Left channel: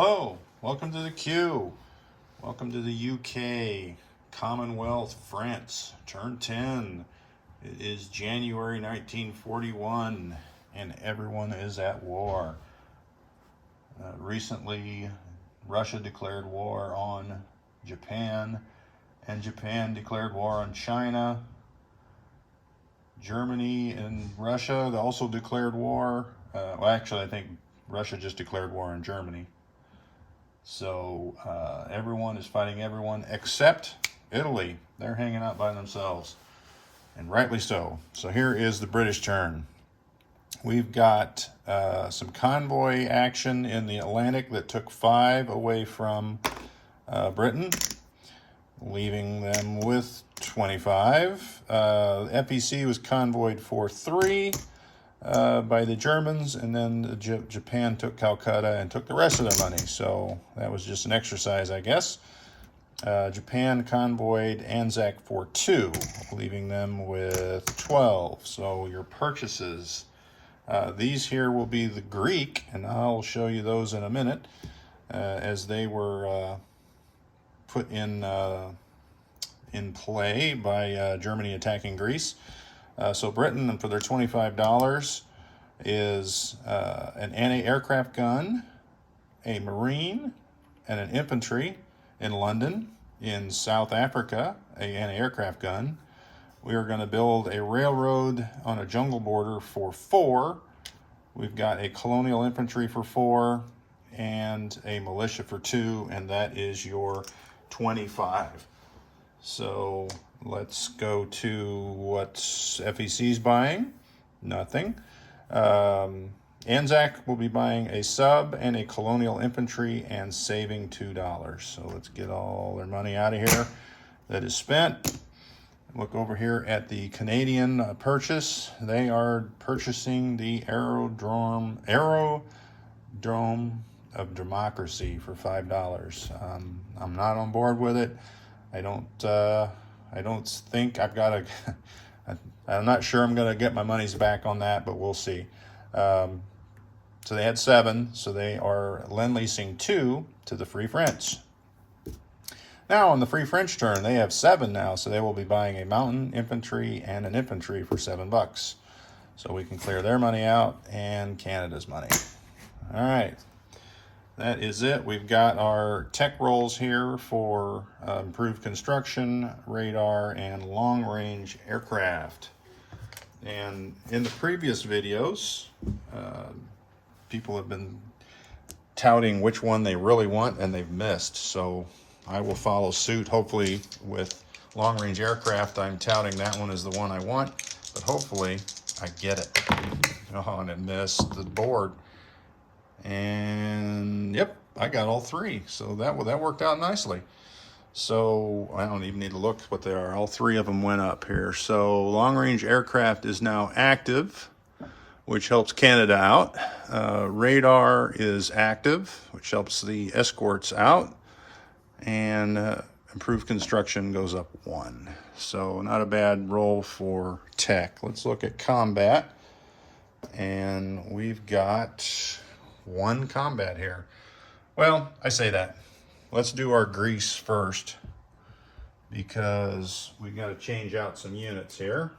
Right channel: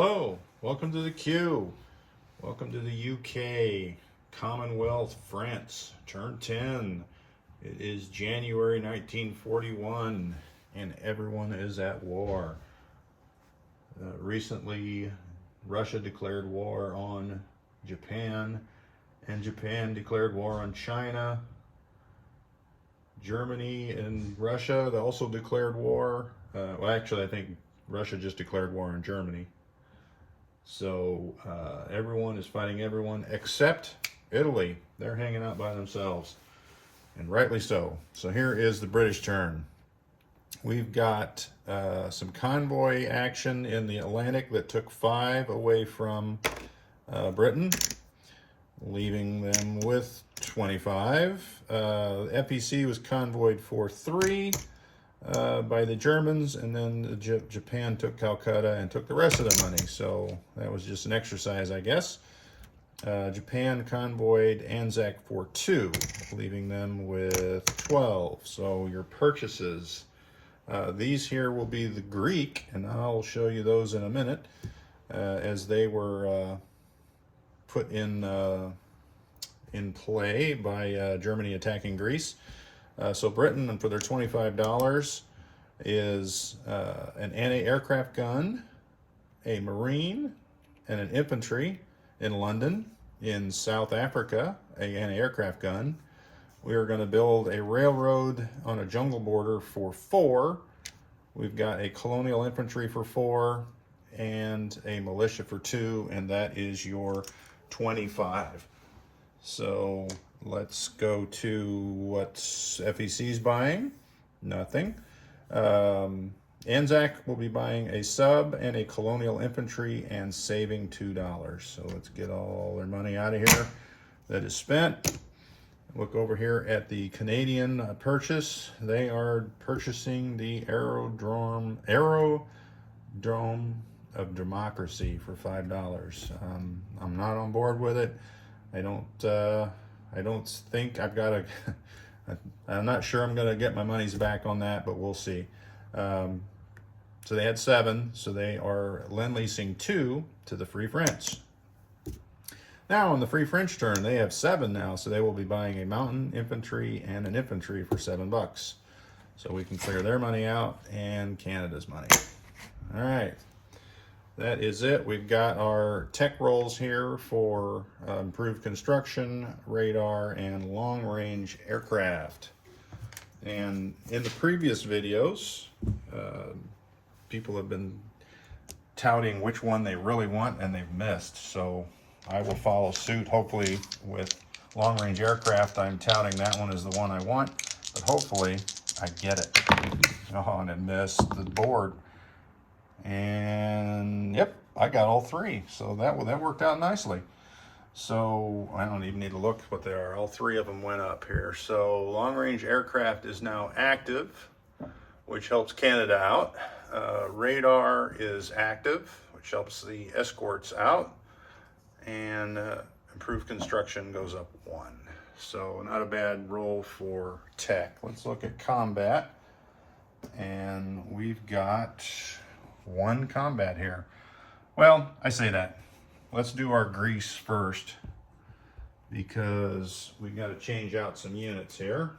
Hello, welcome to the Q. Welcome to the UK, Commonwealth, France, turn 10. It is January 1941 and everyone is at war. Recently, Russia declared war on Japan and Japan declared war on China. Germany and Russia also declared war. I think Russia just declared war on Germany. So everyone is fighting everyone except Italy. They're hanging out by themselves, and rightly so. So here is the British turn. We've got some convoy action in the Atlantic that took 5 away from Britain, leaving them with 25. FEC was convoyed for 3 by the Germans, and then Japan took Calcutta and took the rest of the money. So that was just an exercise, I guess. Japan convoyed Anzac for 2, leaving them with 12. So your purchases, these here will be the Greek, and I'll show you those in a minute, as they were put in play by Germany attacking Greece. So Britain, for their $25, is an anti-aircraft gun, a marine, and an infantry in London. In South Africa, an anti-aircraft gun. We are going to build a railroad on a jungle border for 4. We've got a colonial infantry for 4 and a militia for 2, and that is your 25. So let's go to what FEC's buying. Nothing. Anzac will be buying a sub and a colonial infantry and saving $2. So let's get all their money out of here that is spent. Look over here at the Canadian purchase. They are purchasing the Aerodrome of Democracy for $5. I'm not on board with it. I don't think I've got a. I'm not sure I'm going to get my monies back on that, but we'll see. So they had 7, so they are lend-leasing 2 to the Free French. Now on the Free French turn, they have 7 now, so they will be buying a mountain infantry and an infantry for $7. So we can clear their money out and Canada's money. All right. That is it. We've got our tech rolls here for improved construction, radar, and long-range aircraft. And in the previous videos, people have been touting which one they really want, and they've missed. So I will follow suit. Hopefully with long-range aircraft, I'm touting that one as the one I want, but hopefully I get it. Oh, and it missed the board. And yep, I got all 3. So that worked out nicely. So I don't even need to look what they are. All 3 of them went up here. So long-range aircraft is now active, which helps Canada out. Radar is active, which helps the escorts out. And improved construction goes up 1. So not a bad roll for tech. Let's look at combat. And we've got 1 combat here. Well, I say that. Let's do our Greece first, because we got to change out some units here.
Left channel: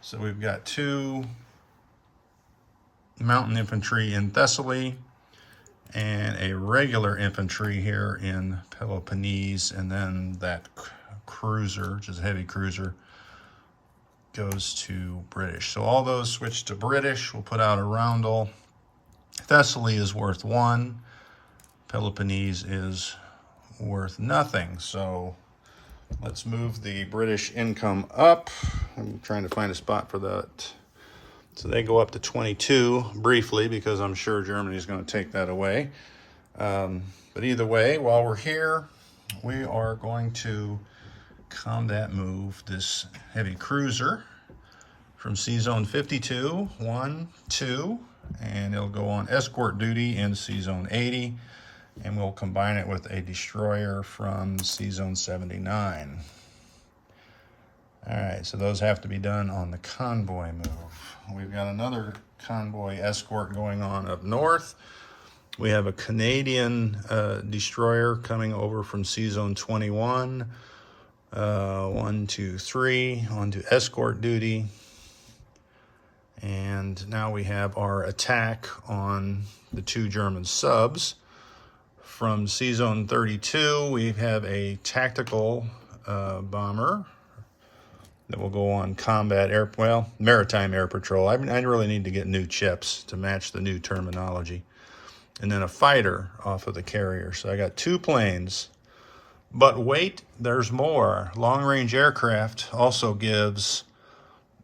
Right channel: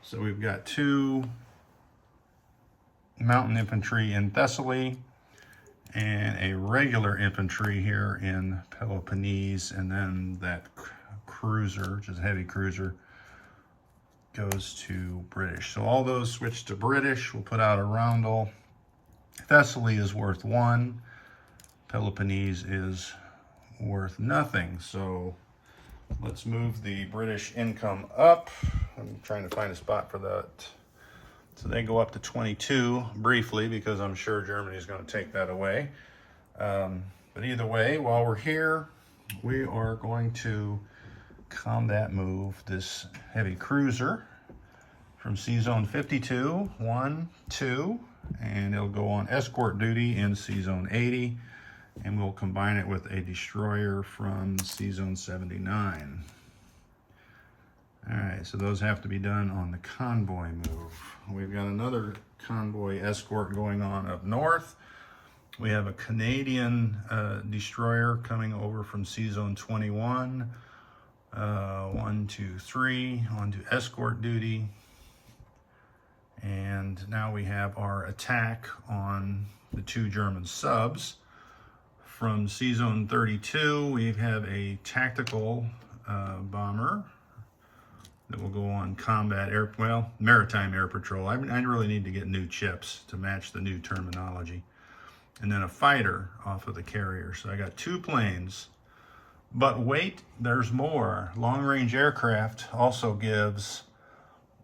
So we've got 2 mountain infantry in Thessaly and a regular infantry here in Peloponnese, and then that cruiser, which is a heavy cruiser, goes to British. So all those switch to British. We'll put out a roundel. Thessaly is worth 1. Peloponnese is worth nothing. So let's move the British income up. I'm trying to find a spot for that. So they go up to 22 briefly, because I'm sure Germany's going to take that away. But either way, while we're here, we are going to combat move this heavy cruiser from Sea Zone 52, 1, 2, and it'll go on escort duty in Sea Zone 80, and we'll combine it with a destroyer from Sea Zone 79. All right, so those have to be done on the convoy move. We've got another convoy escort going on up north. We have a Canadian destroyer coming over from Seazone 21. 1, 2, 3 on to escort duty. And now we have our attack on the 2 German subs. From Seazone 32, we have a tactical bomber that will go on maritime air patrol. I really need to get new chips to match the new terminology. And then a fighter off of the carrier. So I got 2 planes. But wait, there's more. Long-range aircraft also gives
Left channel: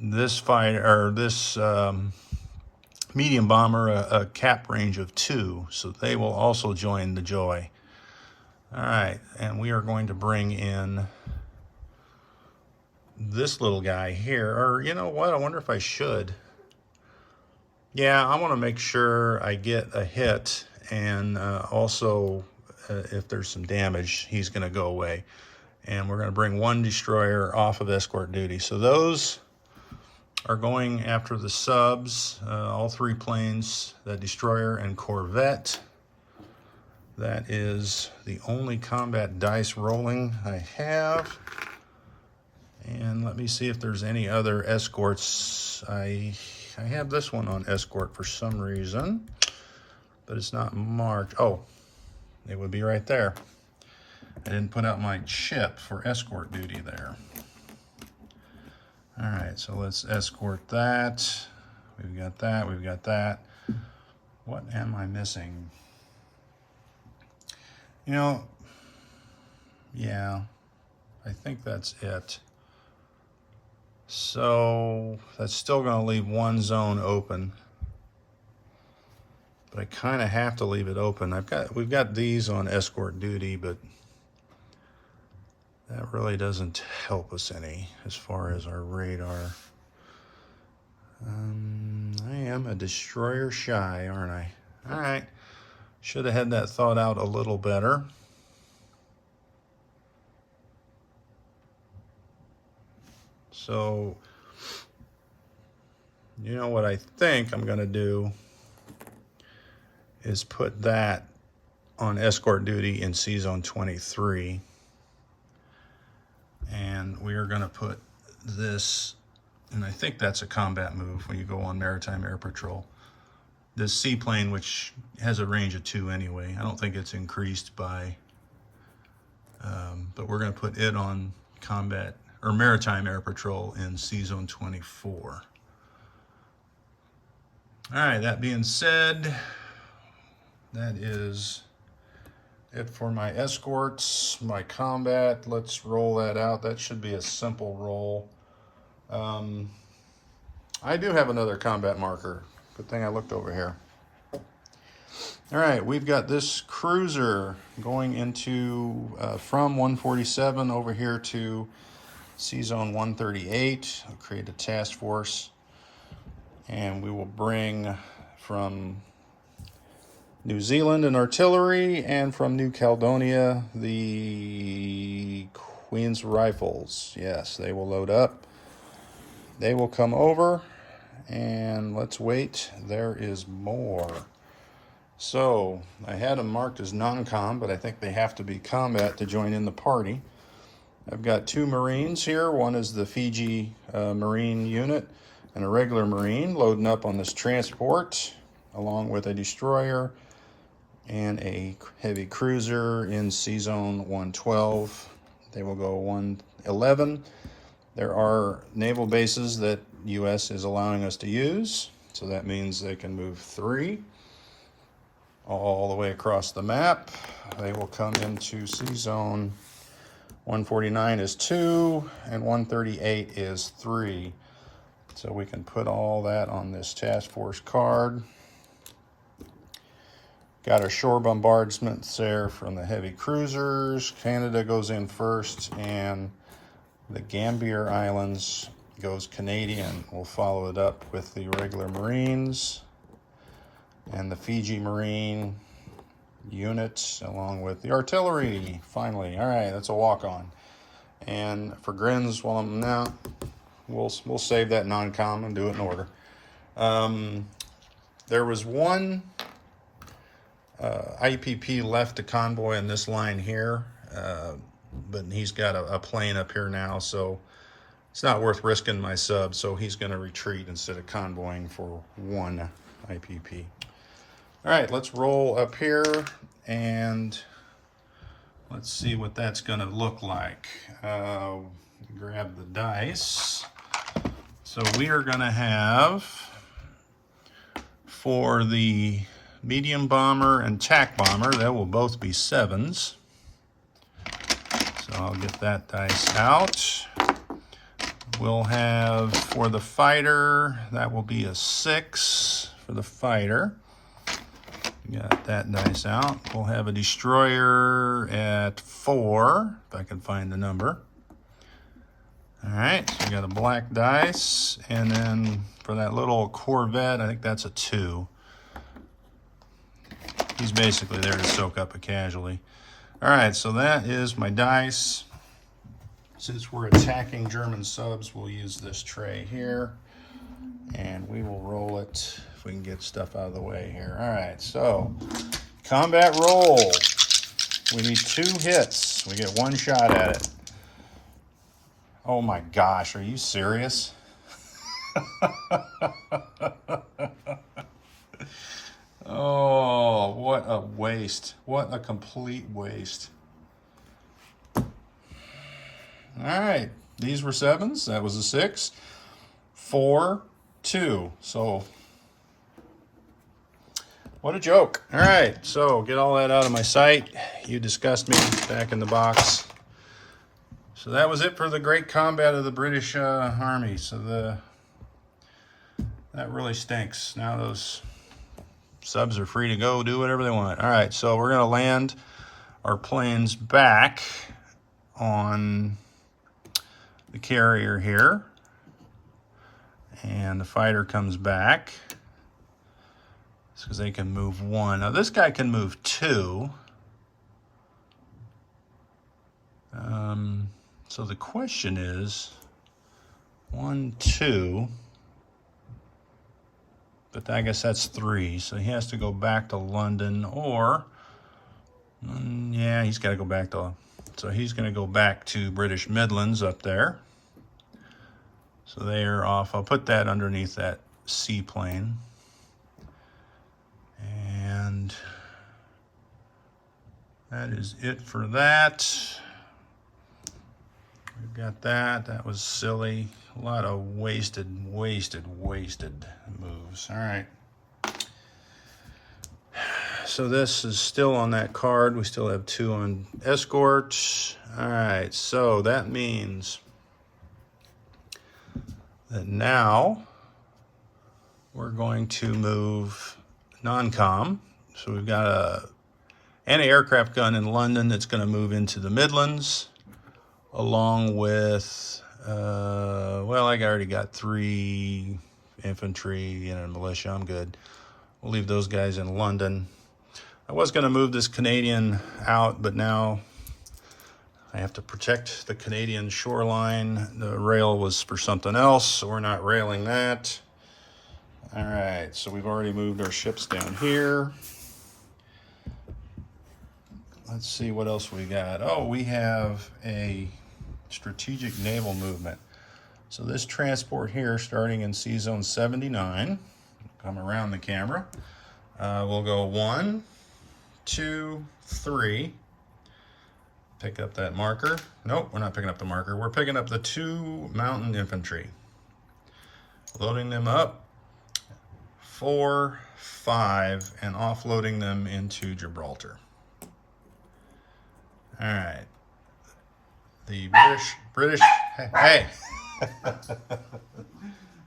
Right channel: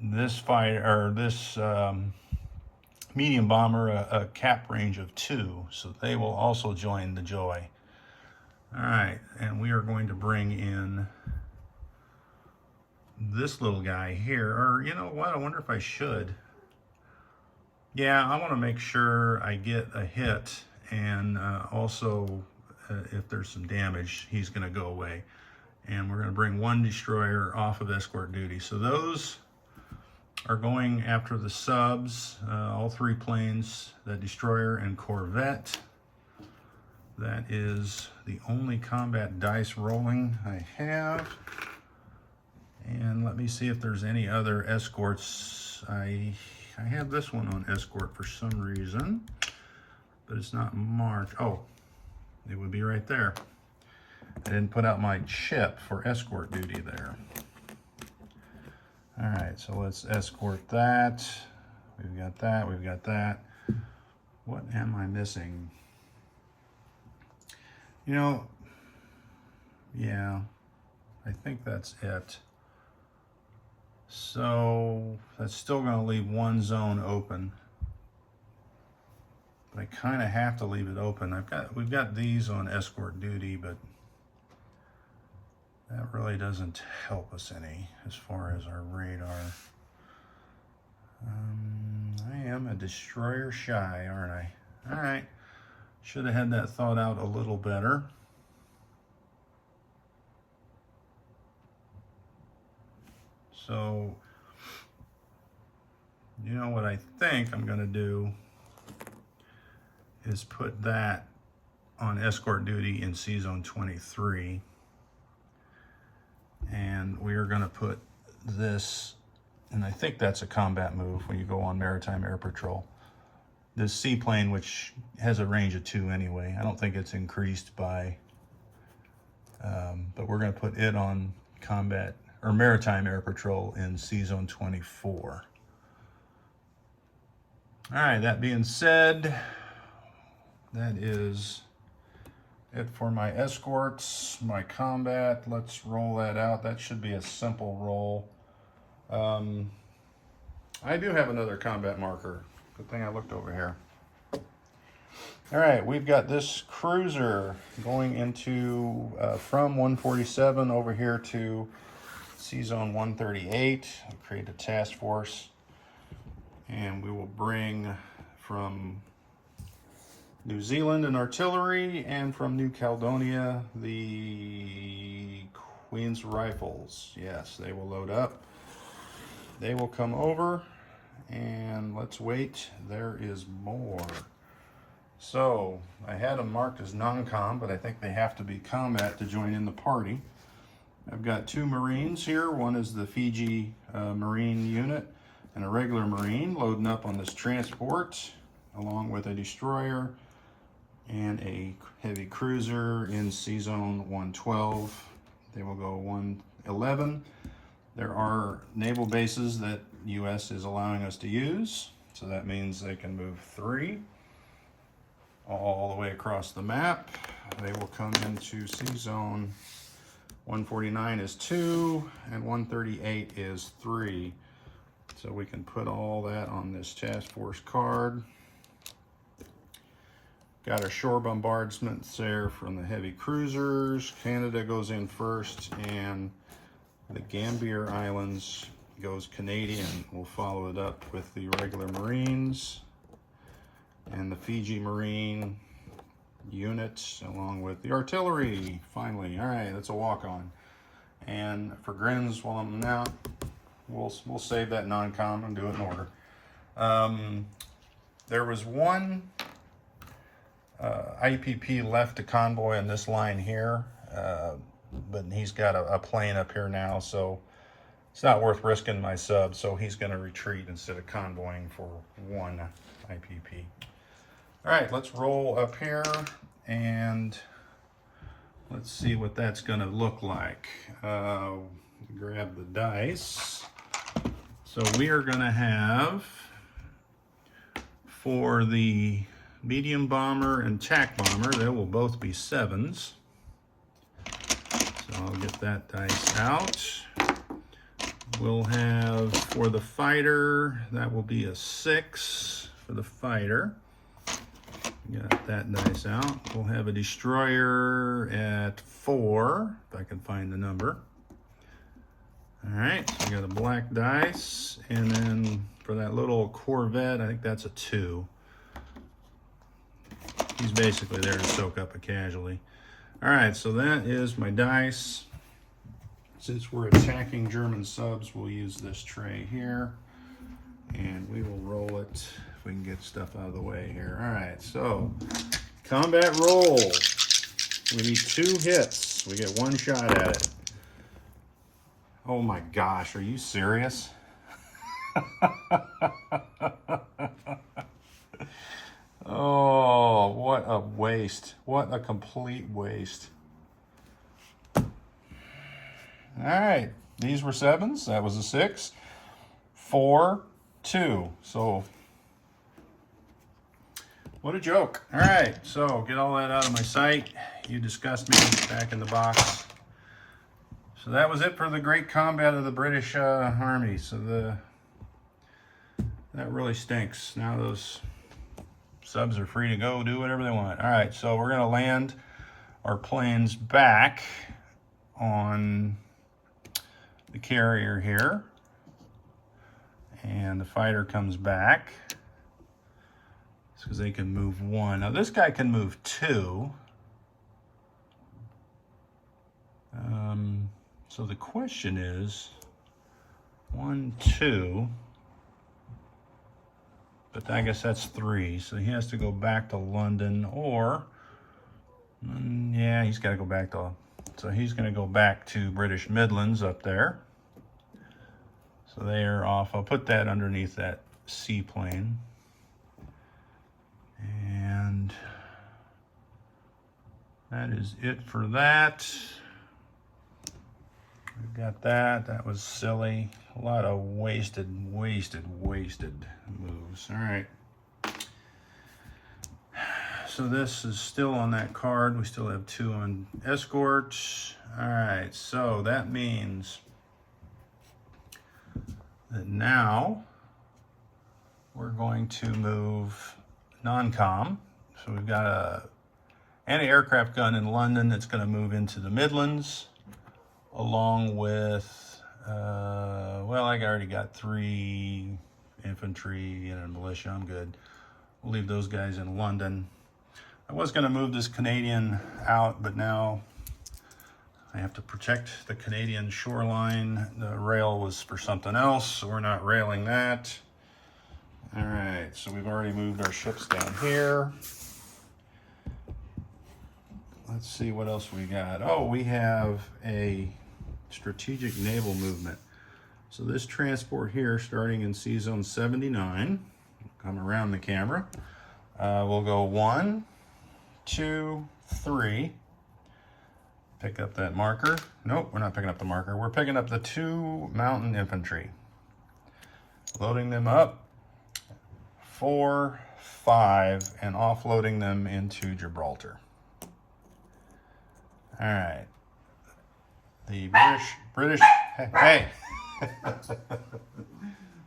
this medium bomber a cap range of 2, so they will also join the joy. All right, and we are going to bring in this little guy here, or you know what, I wonder if I should. Yeah, I want to make sure I get a hit, and also if there's some damage, he's going to go away. And we're going to bring 1 destroyer off of escort duty. So those are going after the subs, all 3 planes, the destroyer and corvette. That is the only combat dice rolling I have. And let me see if there's any other escorts. I have this one on escort for some reason, but it's not marked. Oh, it would be right there. I didn't put out my chip for escort duty there. All right, so let's escort that. We've got that, we've got that. What am I missing? You know, yeah, I think that's it. So that's still going to leave 1 zone open. But I kind of have to leave it open. We've got these on escort duty, but that really doesn't help us any as far as our radar. I am a destroyer shy, aren't I? All right. Should have had that thought out a little better. So, you know what I think I'm going to do is put that on escort duty in Seazone 23. And we are going to put this, and I think that's a combat move when you go on maritime air patrol. This seaplane, which has a range of 2 anyway, I don't think it's increased by, but we're going to put it on combat or maritime air patrol in Seazone 24. All right, that being said, that is it for my escorts, my combat. Let's roll that out. That should be a simple roll. I do have another combat marker. Good thing I looked over here. All right, we've got this cruiser going into from 147 over here to Seazone 138. I'll create a task force, and we will bring from New Zealand an artillery, and from New Caledonia the Queen's Rifles. Yes, they will load up. They will come over, and let's wait. There is more. So I had them marked as non-com, but I think they have to be combat to join in the party. I've got 2 Marines here. One is the Fiji Marine unit and a regular Marine loading up on this transport, along with a destroyer and a heavy cruiser in Seazone 112. They will go 111. There are naval bases that U.S. is allowing us to use, so that means they can move 3 all the way across the map. They will come into Seazone 149 is 2, and 138 is 3. So we can put all that on this task force card. Got our shore bombardments there from the heavy cruisers. Canada goes in first, and the Gambier Islands goes Canadian. We'll follow it up with the regular Marines and the Fiji Marine units, along with the artillery, finally. All right, that's a walk-on. And for grins, while I'm now, we'll save that non-com and do it in order. There was one IPP left a convoy in this line here, but he's got a plane up here now, so it's not worth risking my sub, so he's going to retreat instead of convoying for one IPP. All right, let's roll up here and let's see what that's going to look like. Grab the dice. So we are going to have, for the medium bomber and tack bomber, that will both be 7s. So I'll get that dice out. We'll have, for the fighter, that will be a 6 for the fighter. Got that dice out. We'll have a destroyer at 4, if I can find the number. All right, so we got a black dice, and then for that little corvette, I think that's a 2. He's basically there to soak up a casualty. All right, so that is my dice. Since we're attacking German subs, we'll use this tray here, and we will roll it if we can get stuff out of the way here. All right, so combat roll. We need 2 hits. We get 1 shot at it. Oh my gosh, are you serious? Oh, what a waste. What a complete waste. All right, these were 7s. That was a 6. 4, 2. So, what a joke. All right, so get all that out of my sight. You disgust me. Back in the box. So that was it for the great combat of the British Army. So that really stinks. Now those subs are free to go, do whatever they want. All right, so we're going to land our planes back on the carrier here, and the fighter comes back because they can move 1. Now this guy can move 2. So the question is 1, 2, but I guess that's 3. So he has to go back to London, or yeah, he's got to go back to. So he's going to go back to British Midlands up there. So they are off. I'll put that underneath that seaplane. And that is it for that. We've got that. That was silly. A lot of wasted moves. All right. So this is still on that card. We still have 2 on escort. All right, so that means that now we're going to move non-com. So we've got a anti-aircraft gun in London that's going to move into the Midlands, along with, well, I already got 3 infantry and a militia. I'm good. We'll leave those guys in London. I was going to move this Canadian out, but now I have to protect the Canadian shoreline. The rail was for something else, so we're not railing that. All right, so we've already moved our ships down here. Let's see what else we got. Oh, we have a strategic naval movement. So this transport here, starting in C Zone 79, come around the camera. We'll go 1, 2, 3. Pick up that marker. Nope, we're not picking up the marker. We're picking up the 2 mountain infantry. Loading them up. 4, 5, and offloading them into Gibraltar. All right. The British, hey.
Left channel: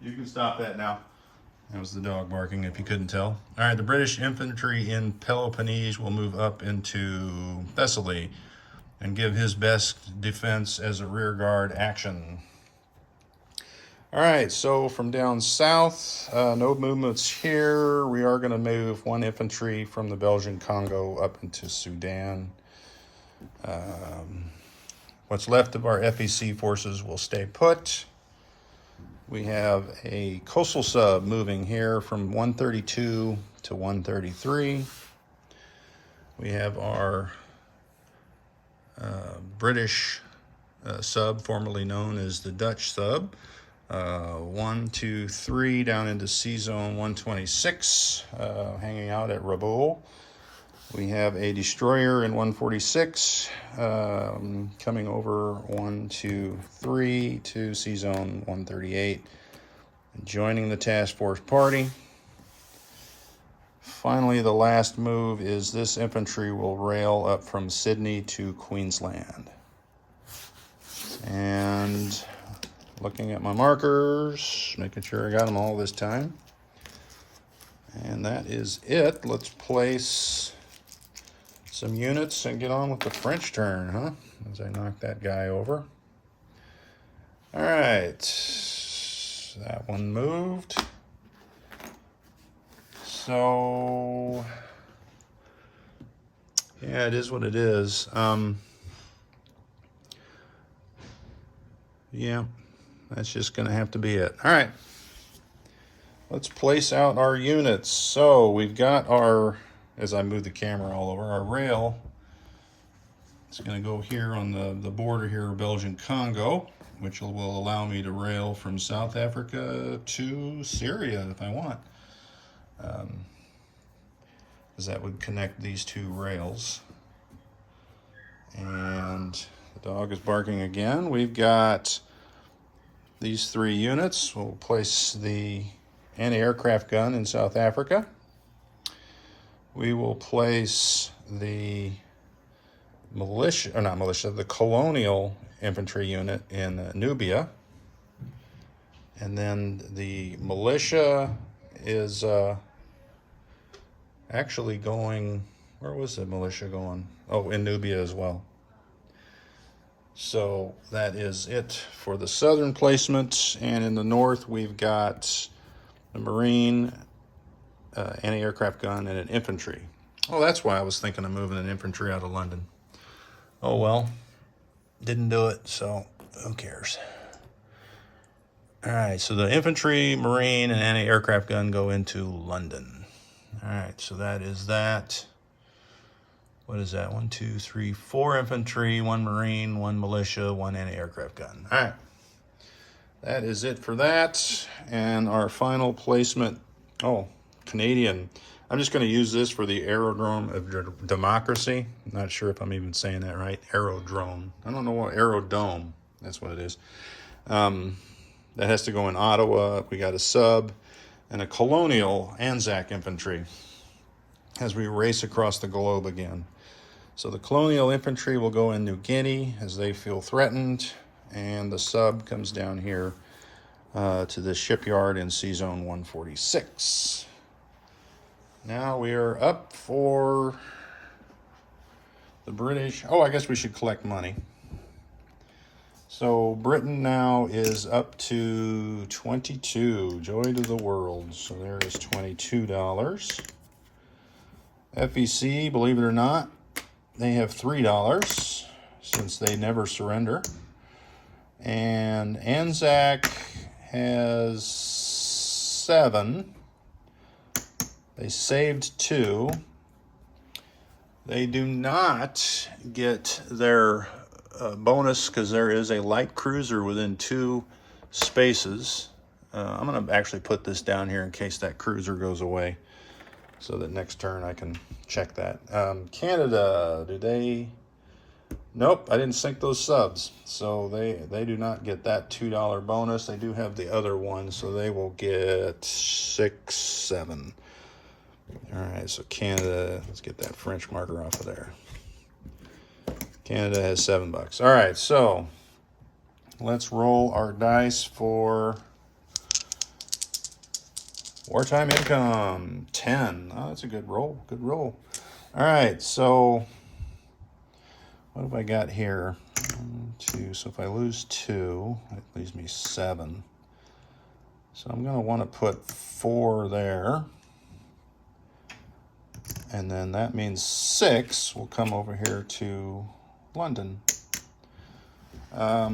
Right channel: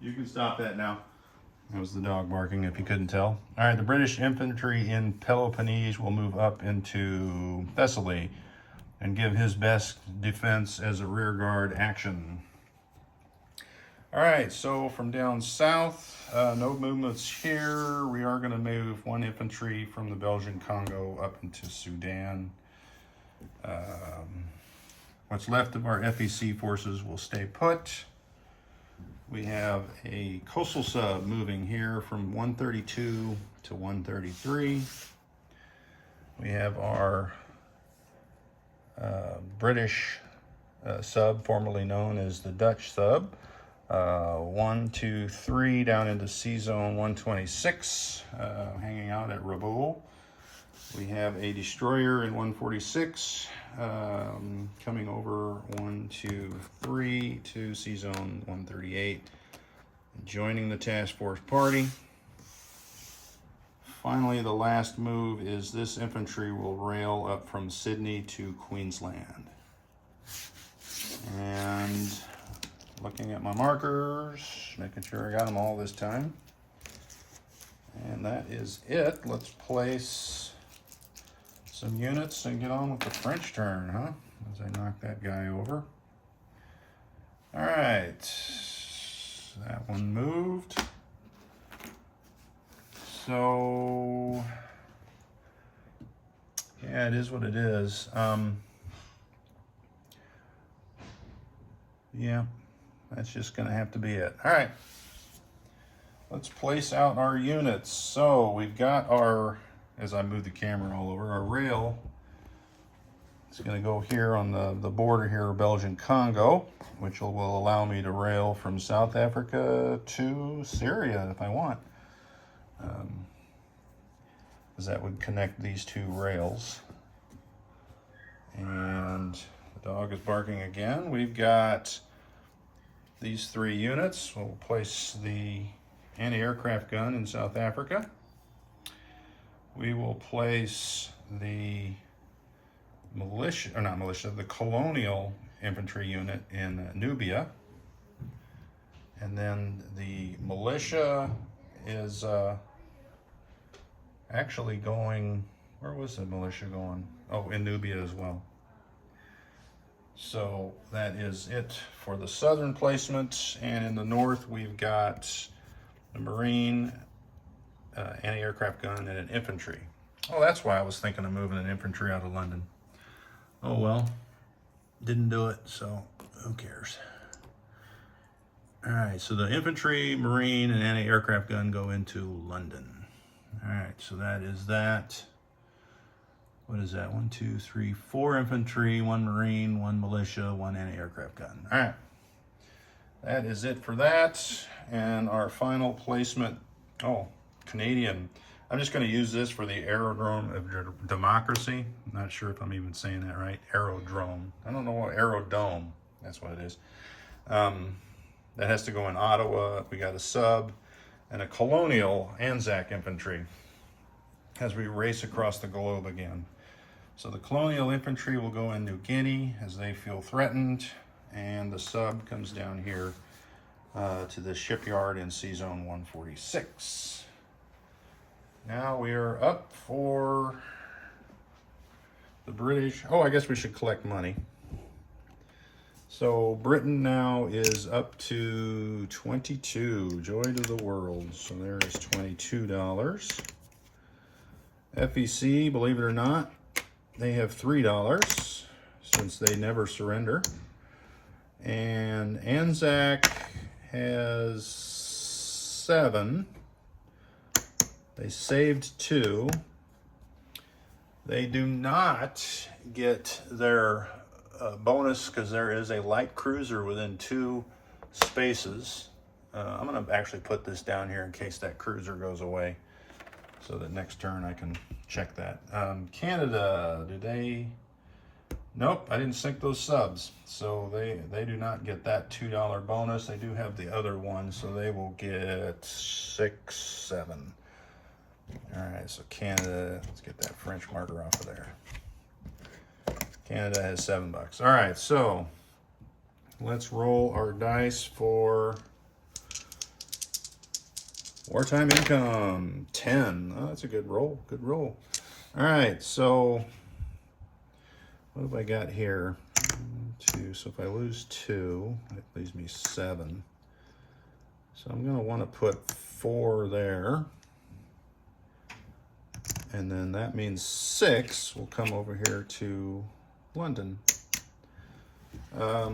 You can stop that now. That was the dog barking, if you couldn't tell. All right, the British infantry in Peloponnese will move up into Thessaly and give his best defense as a rear guard action. All right, so from down south, no movements here. We are going to move 1 infantry from the Belgian Congo up into Sudan. What's left of our FEC forces will stay put. We have a coastal sub moving here from 132 to 133. We have our British sub, formerly known as the Dutch sub. 1, 2, 3 down into Sea Zone 126, hanging out at Rabaul. We have a destroyer in 146, coming over 1, 2, 3 to Sea Zone 138, joining the task force party. Finally, the last move is this infantry will rail up from Sydney to Queensland. And looking at my markers, making sure I got them all this time. And that is it. Let's place some units and get on with the French turn, huh? As I knock that guy over. All right, that one moved. So, yeah, it is what it is. Yeah, that's just gonna have to be it. All right, let's place out our units. So we've got our, as I move the camera all over, our rail. It's gonna go here on the border here of Belgian Congo, which will allow me to rail from South Africa to Syria if I want. Because that would connect these two rails. And the dog is barking again. We've got these 3 units. We'll place the anti-aircraft gun in South Africa. We will place the militia, or not militia, the colonial infantry unit in Nubia. And then the militia is actually going, where was the militia going? Oh, in Nubia as well. So that is it for the southern placement. And in the north, we've got a Marine, anti-aircraft gun, and an infantry. Oh, that's why I was thinking of moving an infantry out of London. Oh well, didn't do it, so who cares? All right, so the infantry, Marine, and anti-aircraft gun go into London. All right, so that is that. What is that? 1, 2, 3, 4 infantry, 1 Marine, 1 militia, 1 anti-aircraft gun. All right, that is it for that. And our final placement, oh, Canadian. I'm just going to use this for the Aerodrome of Democracy. I'm not sure if I'm even saying that right. Aerodrome. I don't know what, Aerodome. That's what it is. That has to go in Ottawa. We got a sub and a colonial Anzac infantry as we race across the globe again. So the colonial infantry will go in New Guinea as they feel threatened, and the sub comes down here to the shipyard in Sea Zone 146. Now we are up for the British. Oh, I guess we should collect money. So Britain now is up to 22. Joy to the world. So there is $22. FEC, believe it or not, they have $3 since they never surrender. And Anzac has 7. They saved 2. They do not get their bonus because there is a light cruiser within 2 spaces. I'm going to actually put this down here in case that cruiser goes away, so that next turn I can check that. Canada, do they? Nope, I didn't sink those subs, so they do not get that $2 bonus. They do have the other one, so they will get 6, 7. All right, so Canada, let's get that French marker off of there. Canada has $7. All right, so let's roll our dice for wartime income. 10. Oh, that's a good roll. Good roll. All right, so what have I got here? 1, 2. So if I lose 2, that leaves me 7. So I'm going to want to put 4 there. And then that means 6 will come over here to London. I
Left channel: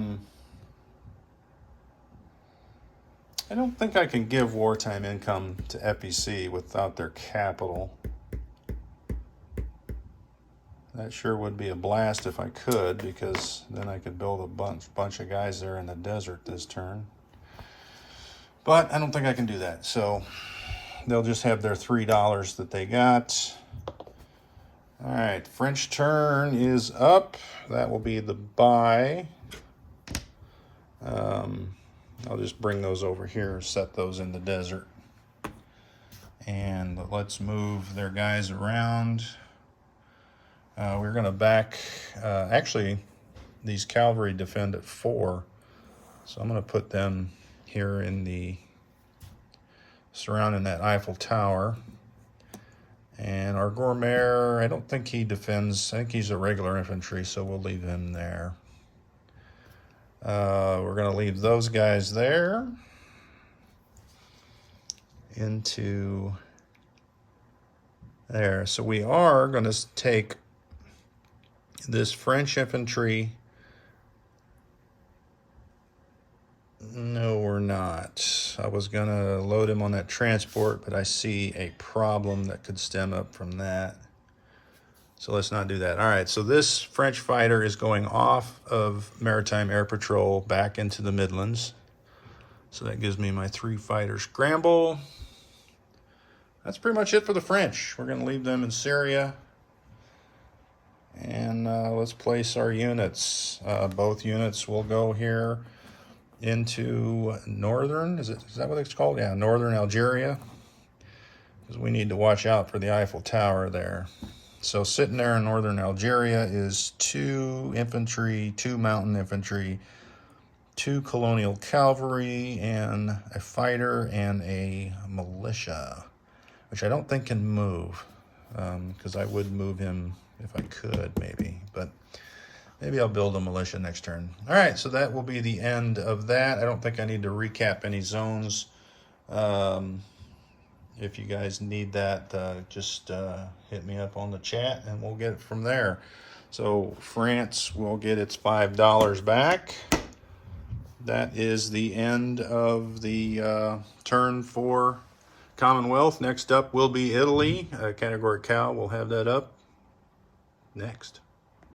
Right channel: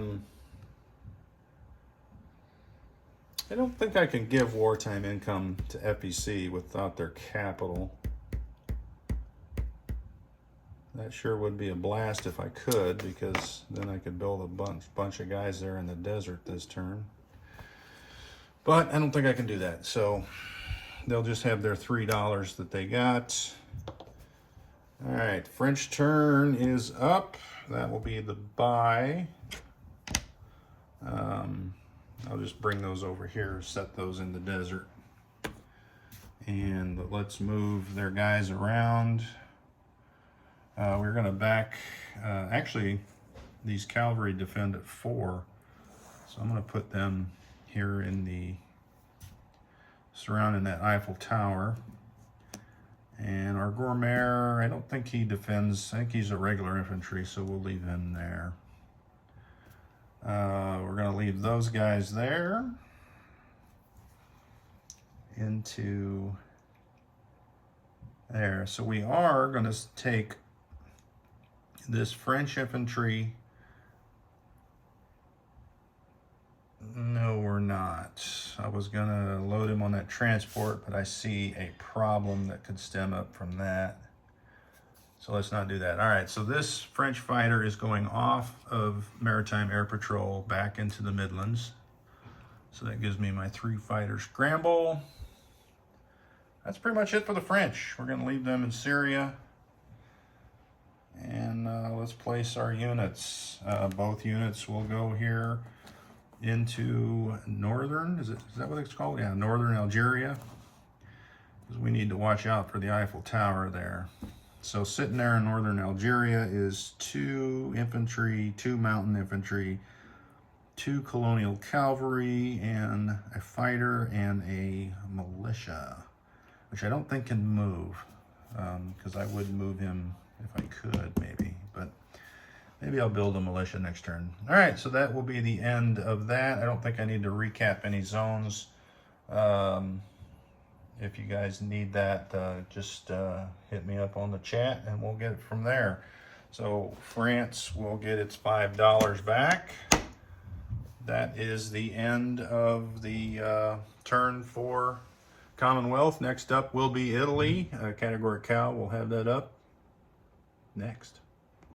don't think I can give wartime income to FEC without their capital. That sure would be a blast if I could, because then I could build a bunch of guys there in the desert this turn. But I don't think I can do that. So they'll just have their $3 that they got. All right, French turn is up. That will be the buy. I'll just bring those over here, set those in the desert. And let's move their guys around. We're going to back, actually, these cavalry defend at 4. So I'm going to put them here in the, surrounding that Eiffel Tower. And our Gourmet, I don't think he defends. I think he's a regular infantry, so we'll leave him there. We're going to leave those guys there. Into there. So we are going to take this French infantry. No, we're not. I was going to load him on that transport, but I see a problem that could stem up from that. So let's not do that. All right, so this French fighter is going off of Maritime Air Patrol back into the Midlands. So that gives me my 3 fighter scramble. That's pretty much it for the French. We're going to leave them in Syria. And let's place our units. Both units will go here into northern, is that what it's called? Yeah, northern Algeria. Because we need to watch out for the Eiffel Tower there. So sitting there in northern Algeria is 2 infantry, 2 mountain infantry, 2 colonial cavalry, and a fighter and a militia, which I don't think can move, because I would move him if I could, maybe, but maybe I'll build a militia next turn. All right, so that will be the end of that. I don't think I need to recap any zones. If you guys need that, just hit me up on the chat and we'll get it from there. So France will get its $5 back. That is the end of the turn for Commonwealth. Next up will be Italy. Category Cow will have that up next.